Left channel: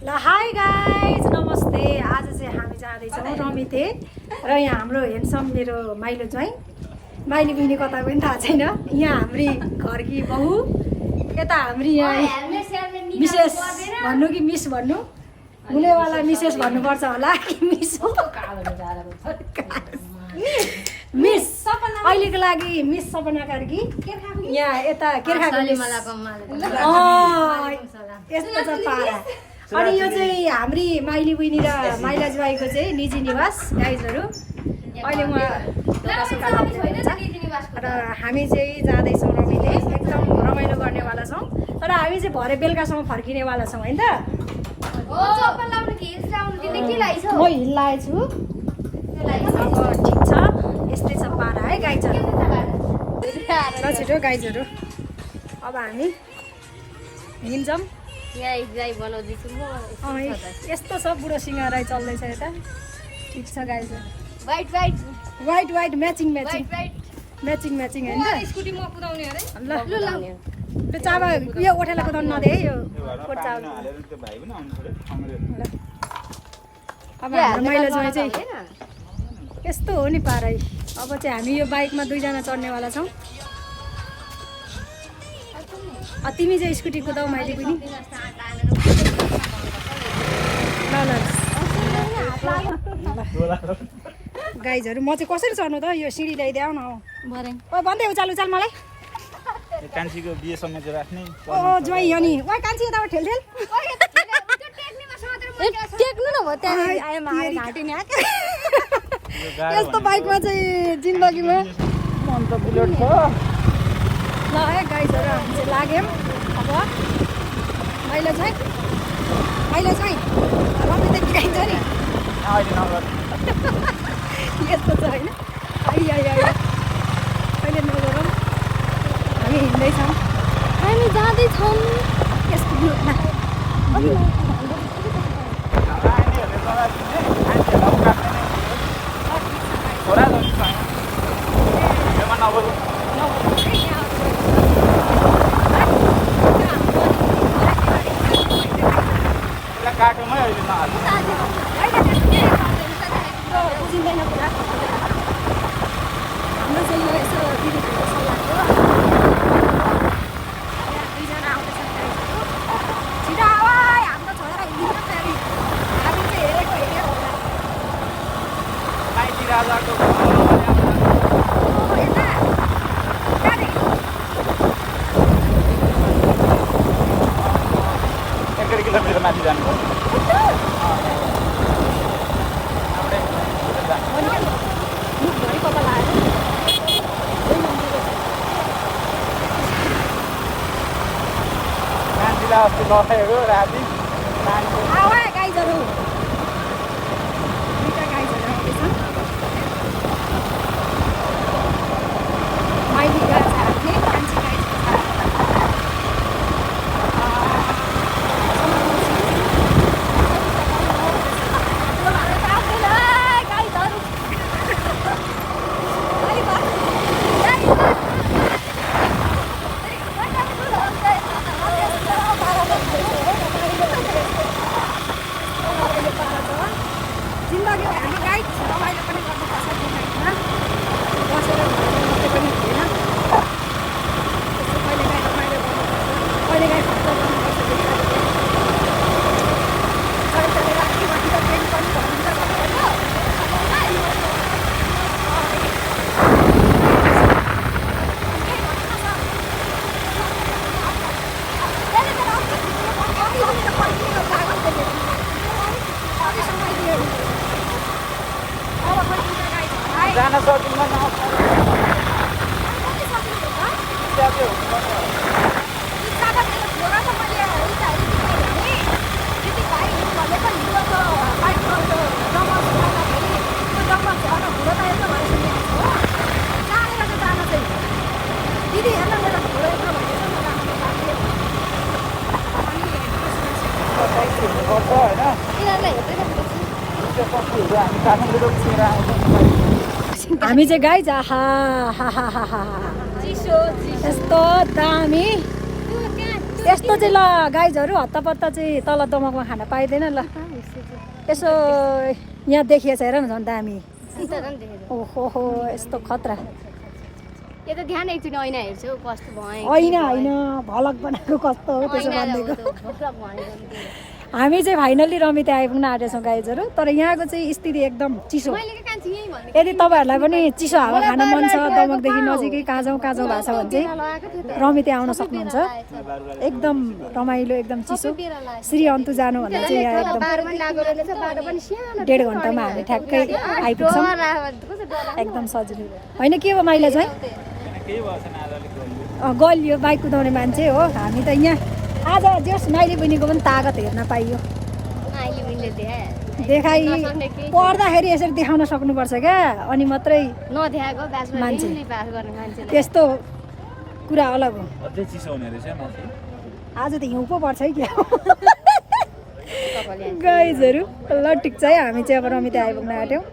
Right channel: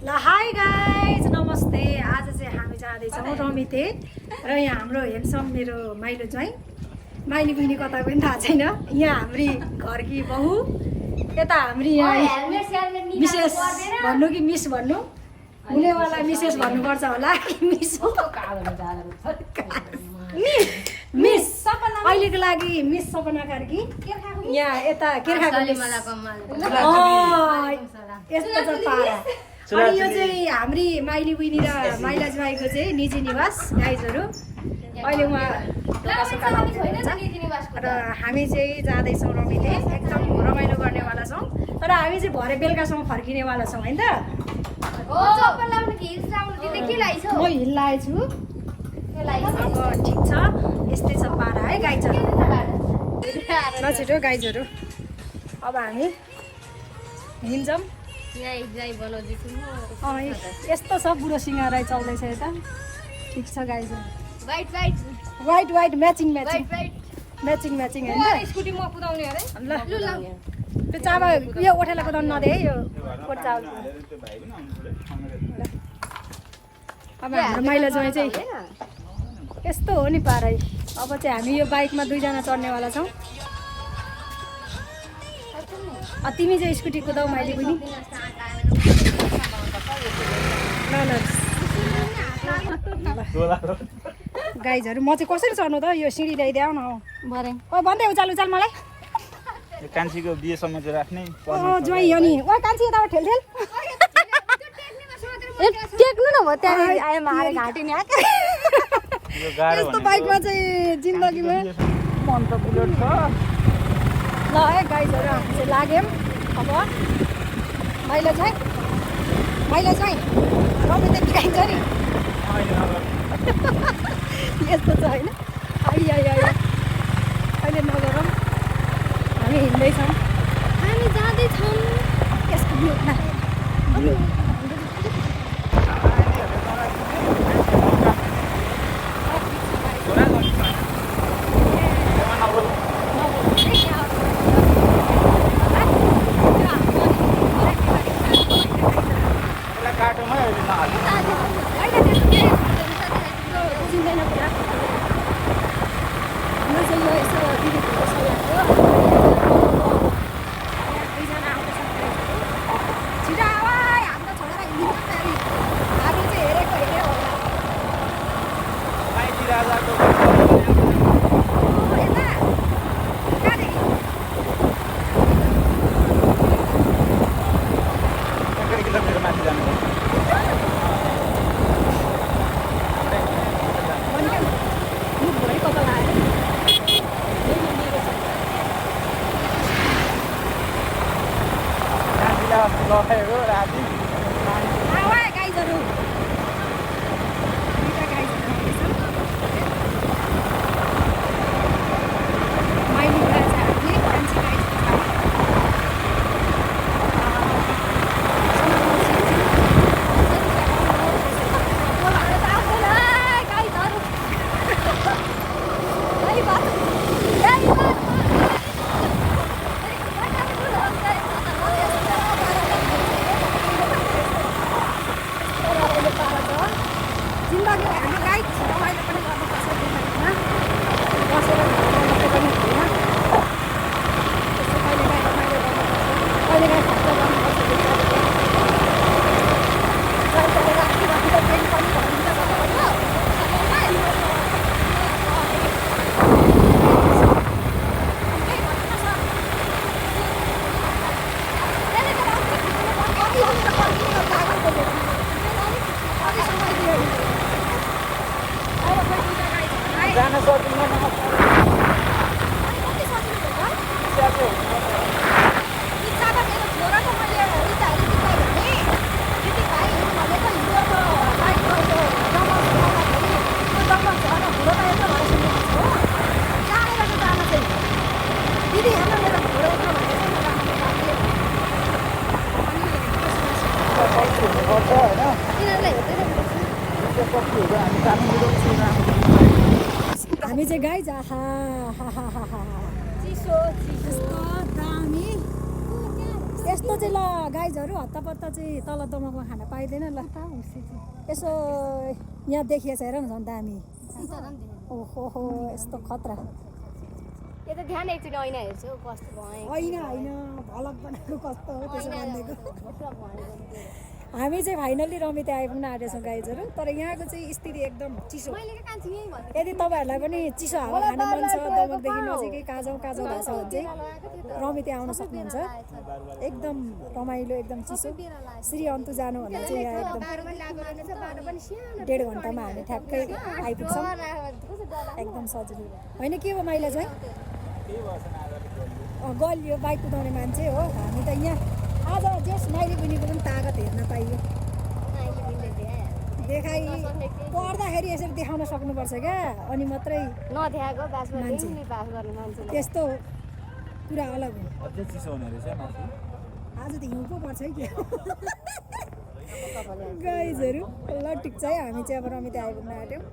ल hi guys नमस्ते। आज चाहिँ हामी जाँदैछौँ रमिते र यहाँ हाम्रो हेन्डसम मेरो माइलो ज्वाइँ माइली बहिनी कता पनि थाहा छैन। यहाँ हाम्री घरकी बहू यता हाम्री यहाँ मिसेस भन्नु कि मिस भन्नु हुनेवाला मिसेस भन्नुपर्छ होला मिस अहिलेको लागि मिस सपना कार्की यहाँ यता केर्खाको यस्तो छ पारा। अनि यो चाहिँ हाम्री माइली बहिनी र माइला ज्वाइँको चाहिँ निजी निवास गाइजहरू। अहिले उहाँ र हामी चाहिँ जाँदैछौँ रमिते एकदम रमाइलो गर्नेवाला छौँ। तर हामी चाहिँ भरे बेलुकासम्म फर्किनेवाला छौँ होइन त। म हिल लगाएको छु। अब ठिक छ यस्तै छ पारा है गाइजहरू। ल छिटो गाइजहरू अब हामी हिँड्छौँ। यस्तो छ बुढो सिंह चल्दैछ यता। ठिक छ गाइजहरू। White white matching matching matching matching होइन त। ल त्यो चाबा यो ओठेला कुदाउनु नदे है यो कोट चावल। अब हाम्रो माइला ज्वाइँ चाहिँ यस्तो हो नि पारै। अब चाहिँ हामी यो बाइकमा दुईजना चढ्नेवाला छौँ। तिमी चाहिँ स्कुटी कुदाऊ माइली पनि। ल ल गाइजहरू म चाहिँ कसरी चढ्नु त यो सिँढी ल्याइदेऊ न। ओ भन्दै उचाल उचाल मलाई कान्छीको बिहे समेत राख्ने। ओ ज्वाइँ हो नि। ओ कान्छी यताबाट ठेल ठेल यस्तो बाइकमा चाहिँ जिन्दगीमा मन त बुलेट छ। ल है गाइजहरू हामी चाहिँ लाग्यौँ। अब माइला चाहिँ रमिते टिकाइन्छ नि यस्तो छ होइन। अहिले नगरौँ हामी हिँड्दैछौँ। हामी जाँदैछौँ यसको ब्लू जान सकिन्न। हामी चाहिँ गाइज यस्तो दामी यस्तो चाहिँ ल गाइजहरू हत्तापत्ता चाहिँ तल दमकमा खान पाइँदैन ल यसो यहाँ देखिएछ हेर न झन् दामी ओहो यस्तो खतरा यो त ध्यान एकचोटि ऐना हेर्छु कस्तो भयो होइन भलक बनाएको कस्तो हो त्यसो भनिदिएको हामी चाहिँ फाइनल्ली रमिते आइपुग्न आँटेछौँ गाइजहरू तर यहाँको चाहिँ स्थिति एकदम चिसो यदि तपाईँहरूलाई पनि चिसो हावा खान मन छ दमकदेखि नजिकै काँजौँ भएको छ भने चाहिँ रमिते आउन सक्नुहुन्छ एकदम रमाइलो एकदम चिसो श्री अन्तु जानुभन्दा चाहिँ यहाँ एकदम 1.5 घन्टामा हामी ठ्याक्कै आइपुग्छौँ एकदम सजिलो होइन के हो माइला चाहिँ गलियो बाइक कुदाउने मान्छे हो हामी त यहाँ आज जस माइली बहिनीको पनि तागत हेर्न पाइयो देखाइ पढ्दाखेरि यसरी देखाउन सक्नुपर्छ क्या अनि मात्रै मान्छे त्यस्तो कुरा अलग हो आज त हिउँ पो पर्छ है क्या गाइजहरू ल ठिक छ है हामी चाहिँ अब रमिते आइपुग्न आँट्यौँ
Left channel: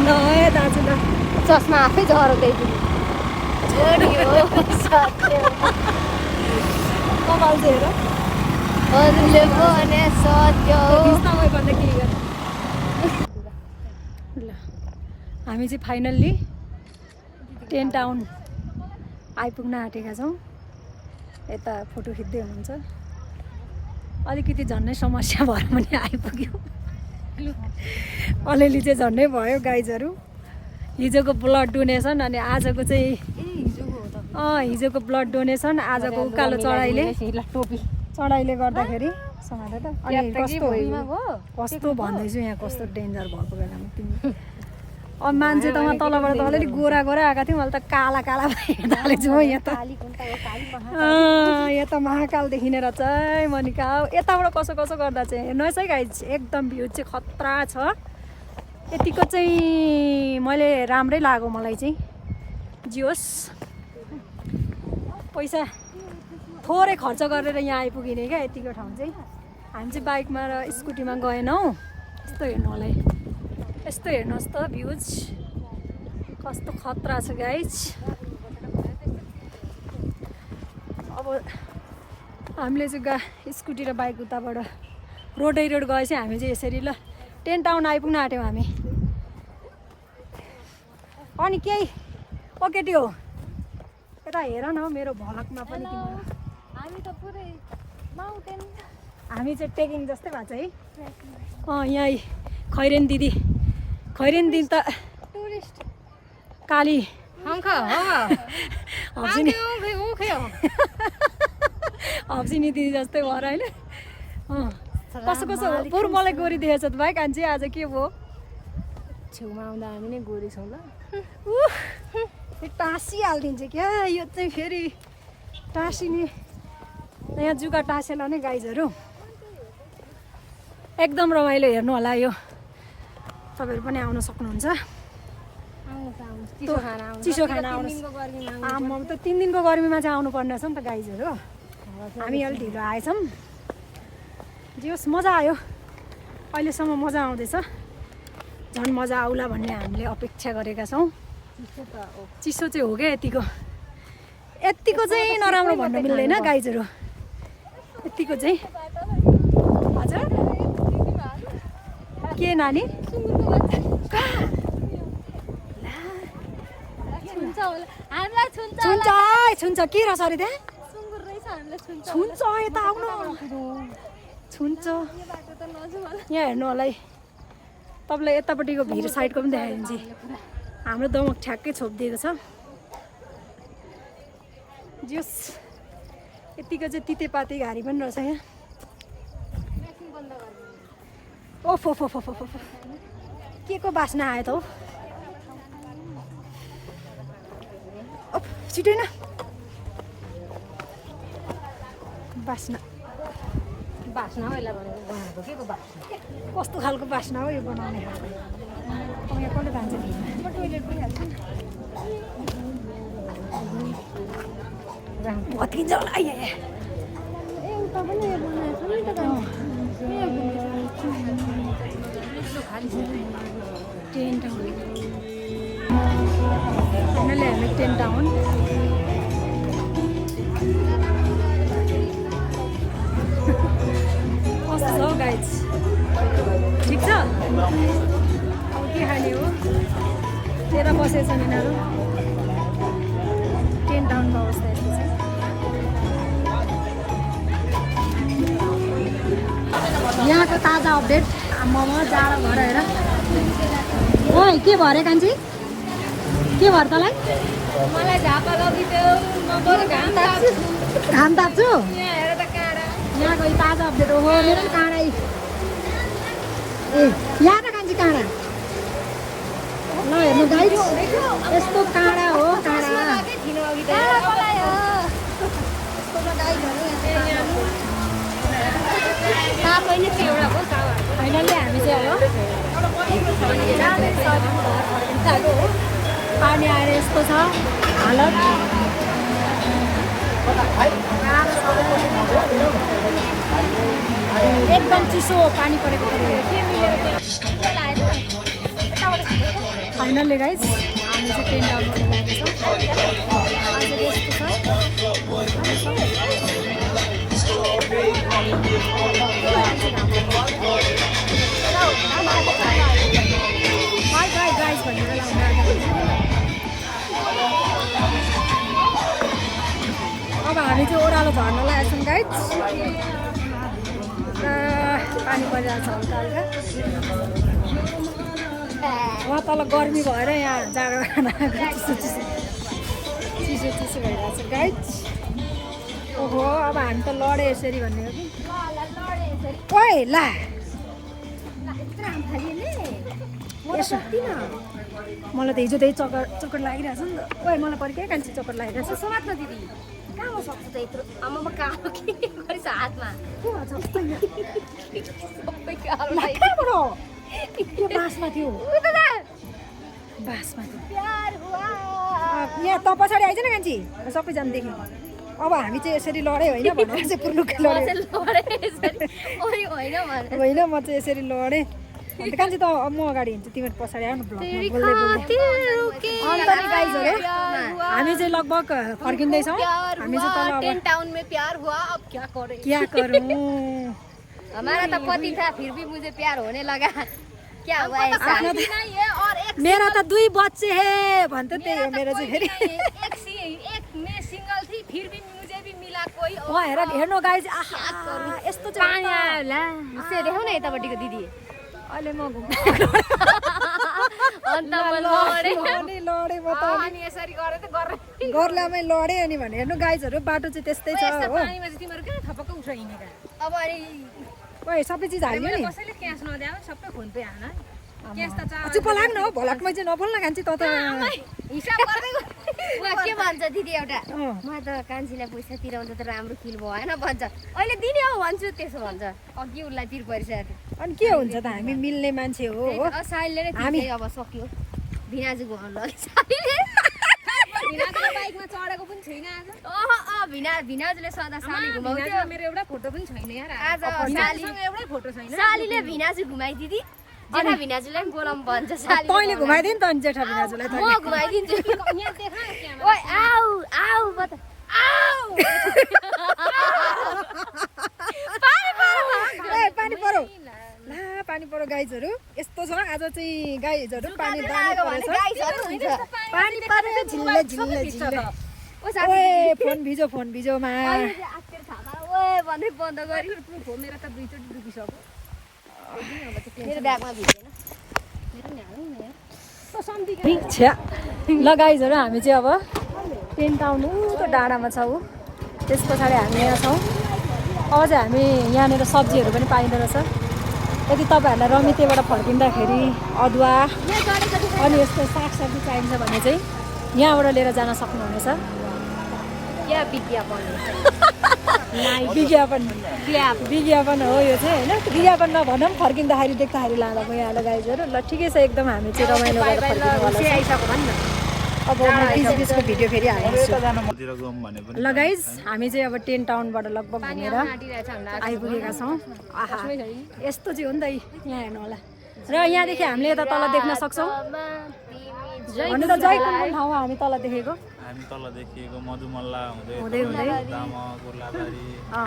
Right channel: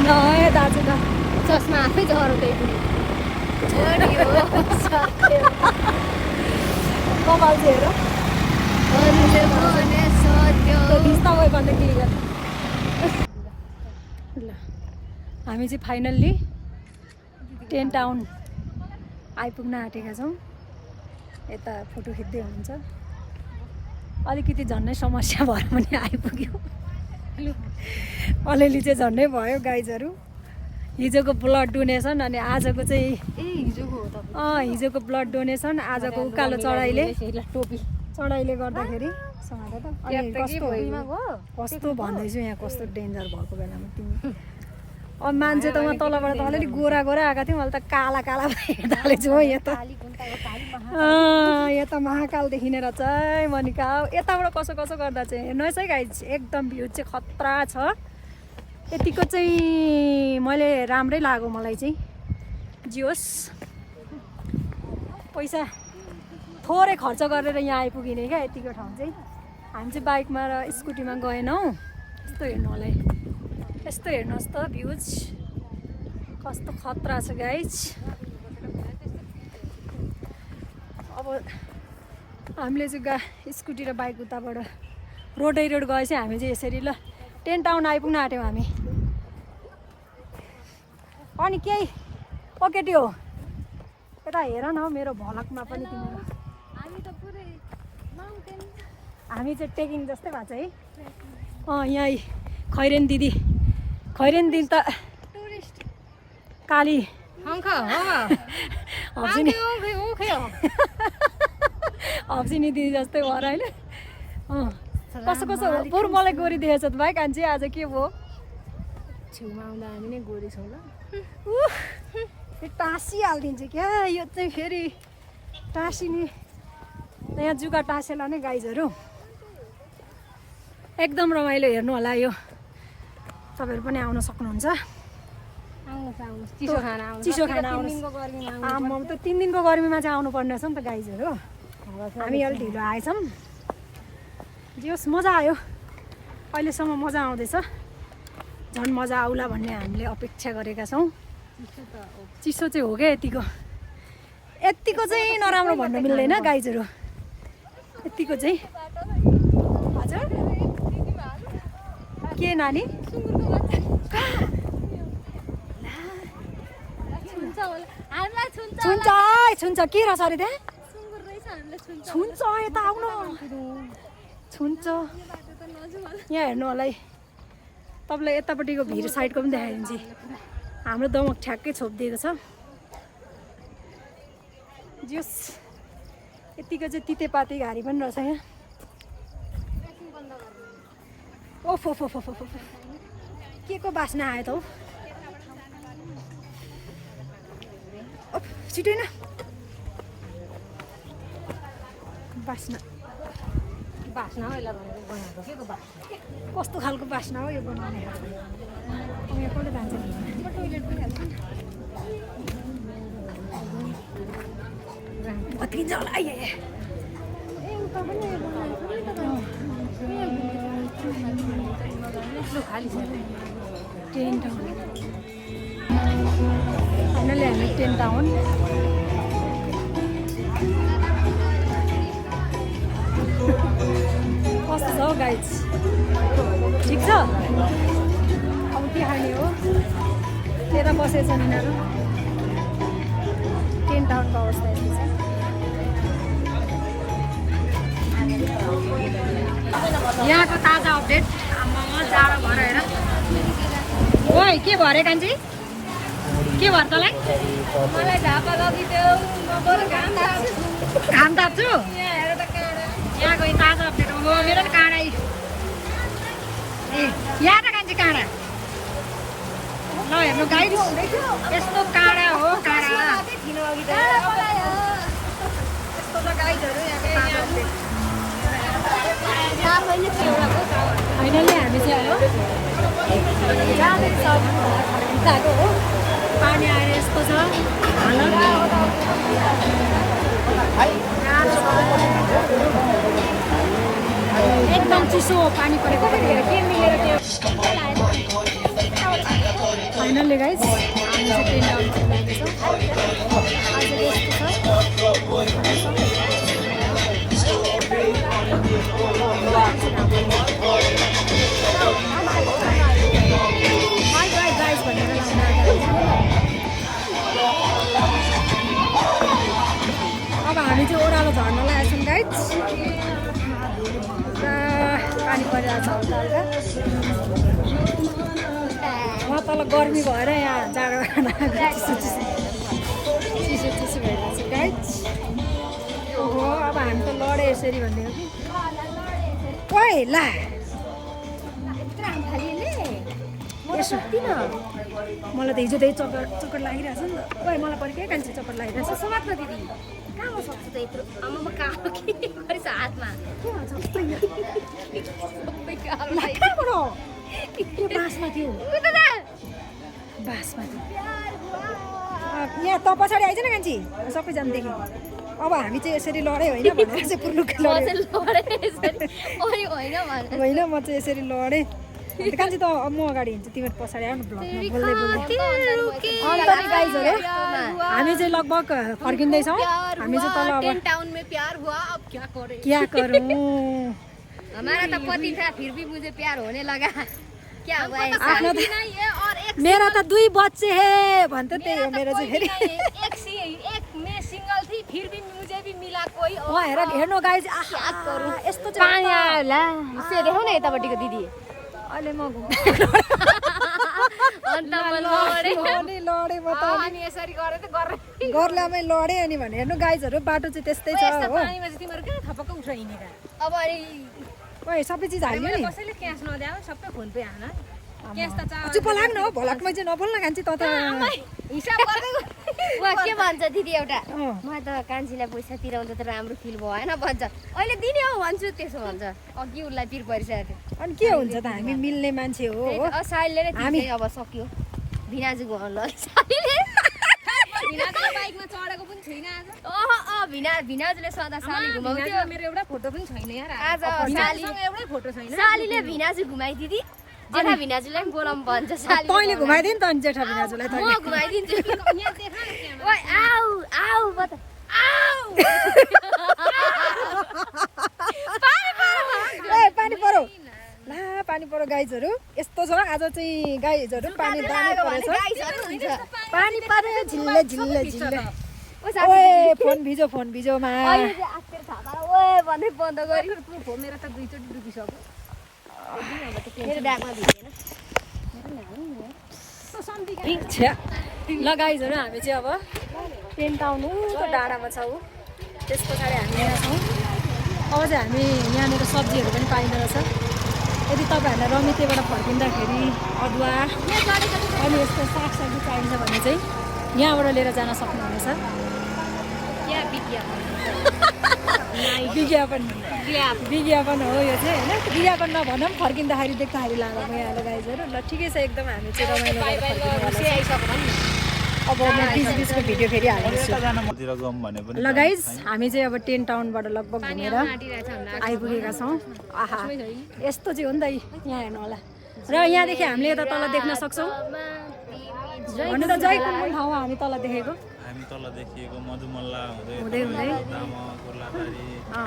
ल दाजु ल चस्मा आफै झरो कपाल चाहिँ हेर ल हामी चाहिँ फाइनल्ली 10 टाउन आइपुग्न आँटेका छौँ यता फोटो खिच्दै हुनुहुन्छ अलिकति झन्नै समस्या भएर पनि आइपुग्यो अलिअलि चाहिँ झन्डै भयो गाइजहरू हिजोको ब्लड डोनेसन अनि आजको चाहिँ हिजोको ब्लड डोनेसन आजको उकालो चढाइले गर्दाखेरि समाएर त अनि कस्तो भन्दैछु यहाँ कस्तो डेन्जर भएको बेलामा तिमी अब मान्छे त उहाँ तलबाट त अलिअलि गोरा आएका थियौँ अहिले त काला हेर्दा हालेछु हो यहाँ त महाकालदेखि लिएर चाहिँ मनिका यताबाट कसो गर्दा चाहिँ हेर्नुहोस् है गाइज एकदम भ्यू चाहिँ खतरा छ यतिको चाहिँ मैले राम्रै लाग्यो मलाई चाहिँ जियोस् पैसा थोरै खर्च गरेर यहाँ आइपुगिने क्या यतिको ठाउँ चाहिँ हामी चाहिँ बाइकमा र स्कुटीमा गएनौँ यस्तो हेर्नु होला यस्तो हेर्नुहोस् त भ्युज कस्तो खतरा छ गाइज अब हामीले चाहिँ स्कुटी र बाइक उताबाट रोड गएपछि हामी चाहिँ यसरी ल 10 टाउन आइपुग्न आँट्यौँ हामी अनि केही केटी हो यता हेर न मेरो भलकमा पनि तिम्रो हामी चाहिँ ट्रेकिङ जस्तै भएको छ है यहाँ खैरेन दिदी त काली हप्सिनी दिदी जस्तै भएर होइन कसो बरु मलाई गोरी देखेछ त भाइ कान्छी आज के भयो छेउमा आउँदा हामी नै गोरी छौँ ल टाँसिहालिदिन्छ क्या यो चाहिँ फेरि टाँसिने यहाँ जुगा टाँसेला नै गाइजहरू एकदम रमाइलो हेर्नु होला यो तपाईँहरू पनि आउन सक्नुहुन्छ चिसो खाना आउनुहोस् आम्मा त 3 दिनको गर्मीमा चाहिँ आउनु पर्ने रहेछ नि त गाइजहरू हामी अलिक ढिलो आएछौँ जियोस् मजा आयो अहिलेसम्म मजा आउँदैछ झन् मजा आउला भन्ने हामीले अपेक्षा गरेका छौँ चिसो चाहिँ हो क्या यतिको चाहिँ नराम्रो भन्नु मिल्दैन गाइजहरू यतिको चाहिँ हजुर के नानी छुन्छ के रहेछ अरे त्यहाँ छुन्छ यता आउनु छुन्छ यहाँ हेर्नु होला है तपाईँलाई यतापट्टिको भिर साइडको पनि देखाइदिन्छु हाम्रो दमक ठ्याक्कै छोपिदिएको छ जस यतिको चाहिँ तितेपाती घारी पनि रहेछ यहाँ ओफो के को बास्ना आयो त हौ छिटो न बास्ना कस्तो खालको बास्ना हो यो बनाउने खालको यहाँ कसले जान्छ भत्किन्छ होला टेन टाउन फाइनली हामी टेन टाउन कस्तो छ हौ गाइज ठिक छ अब के खाने हो त्यता बसेछन् यिनीहरू टेन टाउनको अवस्था यस्तो छ यहाँको ताजा अपडेट आम्मामा जाडो भएर हेर ओइ के भयो अरे कान्छी के भयो तँलाई मलाई झापा लगिदेऊ म बरु घाम ताप्छु घाम ताप्छु यहाँ हेर त काँडा यहाँको ताजा अपडेट हो मेरो पनि काँडा ए यहाँ त कान्छी काँडा नहेर्नु गाइस यस्तो काँडा हो काँडा फाइनल्ली हामी चाहिँ अब जाँदैछौँ घर फर्किन गएको हो पानी आएर यस्तो छ हालत गाह्रो छ एकदम चिसो पानी परेको फाइनल्ली गाइज हामी चाहिँ टेन टाउनबाट गएको छौँ आज यस्तो छ बाई बाई गाइज भनेर लाउनु अब हामी चाहिँ ओह्रालो झर्नलाई आएको छौँ गाइज पानी परिरहेको छ हल्का हल्का वहाँ तल गर्मी भएर यहाँ जाडो खाना चिसो चिसो भइरहेको छ गाइज ओहो अब हामी त लडे यसरी भन्ने हो कि ओइ ला मलाई त हिजो त्यही चक्कर लागिरहेछ नि त ओइ मलाई परि के कान्छी चक्कर लागिरहेछ समात्न दिदी कहाँमा सक्छु त यत्रो आमामा कालो के गरिस हातमा के भन्छ सबै कालो कहाँबाट त्यो बाँसमा थियो बाँसमा थियो यहाँ त पछाडि आइज न कान्छी सबैजना देखेँ अब हामी चाहिँ यसरी लडेँ होइन भनेर चाहिँ पुर्लुकै लडेँ होइन म चाहिँ यसरी लडेँ अन्त कान्छी त म अगाडि हिँड्छु तिमीहरू पछाडि आउनु ब्लगमा बोल्दै अन्त नि गाइजहरू हामी चाहिँ लगभग फर्किँदैछौँ हामी चाहिँ तल अब टाउन में प्यार हुआ अब क्या करें क्या करूँ हमारा तो पति था फिर भी मुझे प्यार होने लगा क्या हुआ आफ्नो त मेरा त 2 बच्चे है भन्थे त्यही हो मेरो चाहिँ फेरि सिंगल थी फिर भी मुझे भी मिला कोई वहाँ हेर्नु गाइज आहा यस्तो चाहिँ होला से देखाउ न यतापट्टिको दिदी अहिले म अन्त म लडे लडेँ म त अनि यसरी गरे त गर्ने गर्लामै लडेँ अनि भने हेर्नु गाइजहरू बाटो चाहिँ त्यस्तै छ हो पानीमा चाहिँ तिमीहरू किन थपक्क उठ हिँडेका अब अनि ओइ सबै चिज हाल्यो नि कसैले क्यास नदिए सबै फोन पे हाल्न चुप लाग्न हो भलकमै चाहिँ नबोल्न कान्छी त हिसाब गर्दै के भन्छ दिदी एउटा म त कान्छीलाई पैसा तिराउँदा त राम्रो फिल भएन भन्छ अहिले दिने हो भन्छु त्यसो भन्छ अघि उसलाई पिर परिसकेको थियो अनि के हुन्छ त हामी मिल्ने मान्छे हो साइलले नै हामी अब सक्यो भिनाजु घुमाउनु लग्यो बाइकमा चढेको पनि छैन आज भिनाजुले सदा साली घुमाउँथ्यो मेरो एउटा फोटो पनि छैन यार आज एउटै फोटो छैन सालीले भिनाजु घुमाइदिदी जेठा भिनाजुलाई पनि बोलाउनु भन्छ साली तैँले घुमाइदिए नि त अनि जेठा भिनाजुलाई म घुमाइदिन्छु ओइ आउ आउ बता आउ पानी परो ला पानी परो गाइजहरू यस्तो छ आज चाहिँ गाइजहरू पानी पानी पऱ्यो झिल्ले झिल्ले झिल्ले ओए फोन भिजोमा ओए भन्दै बन्द गरी मेरो त 2 चोटि डुबिसक्यो मेरो ब्यागमा भिजेन ल गाइजहरू हामी चाहिँ अब टेन टाउन उको डाँडामा छौँ त्यस पछाडि हामी यहाँ छौँ अब चाहिँ हामी यहाँनिर सब्जीहरू पनि पाइँदो रहेछ यदि तपाईँहरूलाई रमितेबाट फर्किँदाखेरि अदुवा अनि यस्तो सागसब्जी चाहिन्छ भने चाहिँ यहाँबाट लिएर जान सक्नुहुनेछ विज्ञापन हो यो चाहिँ होइन विज्ञापन नभनौँ फर्किँदाखेरि देख्दाखेरि लाँदा भइहाल्यो गाइजहरू ल ठिकै छ एकदम हामी चाहिँ रमाइलो गरेर फर्किनुवाला छ अब म बिचको भिडियो फेरि हाल्नेछु तिर जाउँ भने पनि ल गाइज हामी चाहिँ अब 10 टाउनबाट लगभग घुमेर आइपुगेका छौँ आहा यस्तो चाहिँ हो नि त यहाँ हेर्नु होला र यहाँदेखि हामीले यता तल देख्न सक्छौँ भन्नु त जय कुन कुन ठाउँमा हामी तल देखेको हामी तल देखिएको मधुमल्ला हुँदै हुँदै दामा गोर्लाबारी अँ,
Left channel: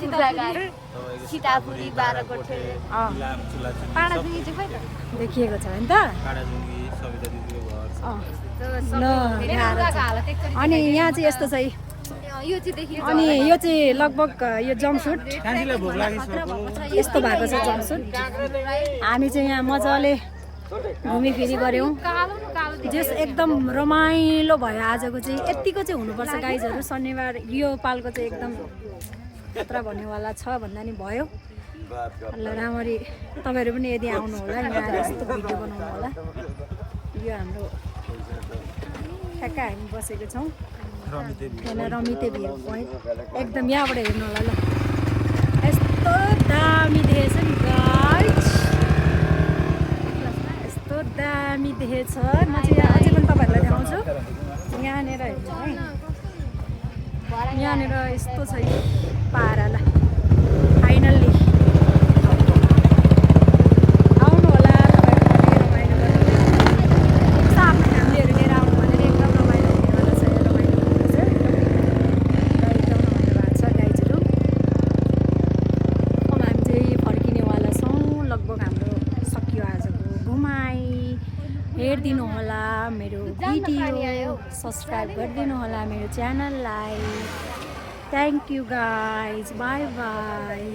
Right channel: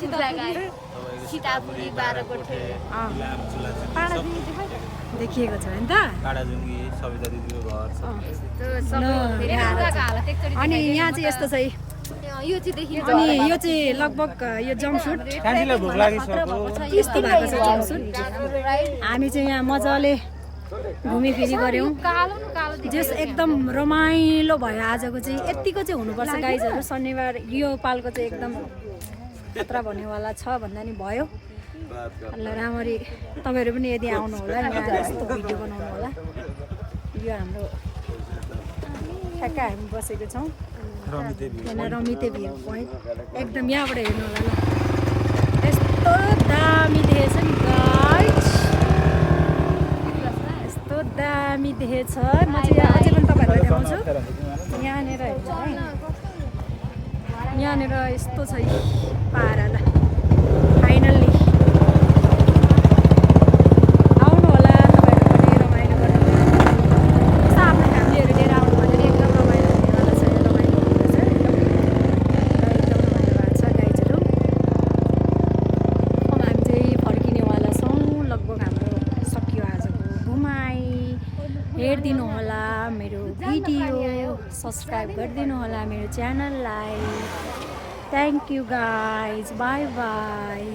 तपाईँको सीतापुरी बाराकोटे इलाम चुलाचुली सब देखिएको छ नि त काडाजुङ्गी सविता दिदीको घर छ। अँ। ल, गाह्रो छ। अनि यहाँ चाहिँ यस्तो छ है। अनि यो चाहिँ लगभग यो जम्पसुट कान्छीलाई भोक लागिसक्यो यस्तो भएको छ जम्पसुट हामी चाहिँ यहाँ मजाले घुमिफिरी गऱ्यौँ जस एकदम रमाइलो भयो आजको चाहिँ यत्तिको चाहिँ हुनुपर्छ गाइजहरू शनिबार यो पालको चाहिँ एकदम यात्रा भन्नेवाला छ भन्दा नि भयो ल राम्ररी तपाईँहरू पनि यदि आउनु होला यहाँ यस्तो भिडियो बनाउनु होला यो हाम्रो ठ्याक्क हामी बसेको छौँ यहाँ रमिते भ्यू पोइन्ट एकदम यहाँबाट हेर्नु होला ल यस्तो दामी देखेछ नि गाइस यस्तो दामी देखेछ म चाहिँ यहाँ अझै पनि तपाईँहरूलाई देखाउँछु यहाँनिर हेर्नु है यहाँनिर यस्तो छ पारा ल फाइनल्ली आउनु होला तपाईँहरू पनि रमाइलो गर्नु यसो आफ्नो फ्यामिलीहरू लिएर आउनु भने नि एकदम रमाइलो हुनेवाला छ रमाइलो हुनेरहेछ एकदम र एकदम रमाइलो भएको छ गाइजहरू अब हामी चाहिँ फर्किनेवाला छौँ लगभग हाम्रो सकियो आजको घुमाइ हेरिदिनु होला मेरो भिडियो सब्सक्राइब गरिदिनु होला मेरो च्यानललाई thank you guys by by